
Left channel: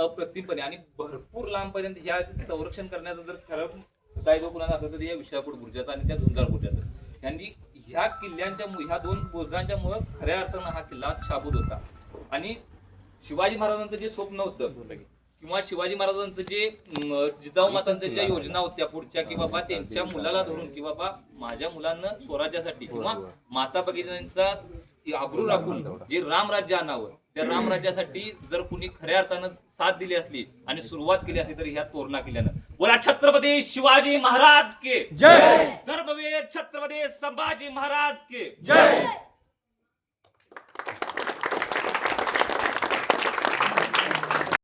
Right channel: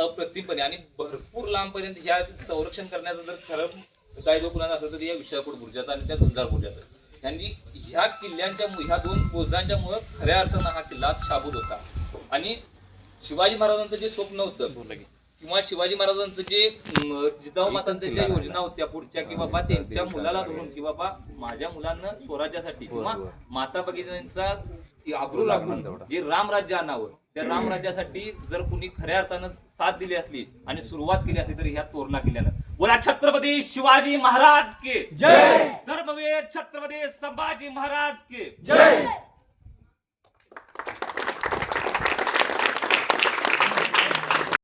अप्रतिमपणे आणि भरपूर लांबपर्यंत ह्या संरक्षण करण्याचं जर खरं दायित्व कुणाला असलं तर या विशाळपूर बुरुजाचा आणि त्या झुंजार बुरुजाचं. यांनी ह्या किल्ल्यांच्या ह्या दोन बुरुजांच्या मुळे खऱ्या अर्थानं हा किल्ला शाबूत होता. आणि शिवाजी महाराजांचं जे स्वप्न होतं किंवा शिवाजी महाराजांचं जे जिजाऊ मातांच्या ज्या योजना होत्या पुढच्या की बाबा त्यांच्या मुलाला धरून की बाबा माझ्या मुलांना स्वराज्यासाठी किंवा माता भगिनींचा आबरू राखून जे रामराज्य आणावं त्या रामराज्यासाठी जर कुणी खऱ्या अर्थानं साथ दिली असली आणि सुरुवात केली असली तर ह्या तोरणा किल्ल्यानं. बोला छत्रपती शिवाजी महाराज के. जय. धर्मवीर छत्रपती संभाजी महाराज के. जय.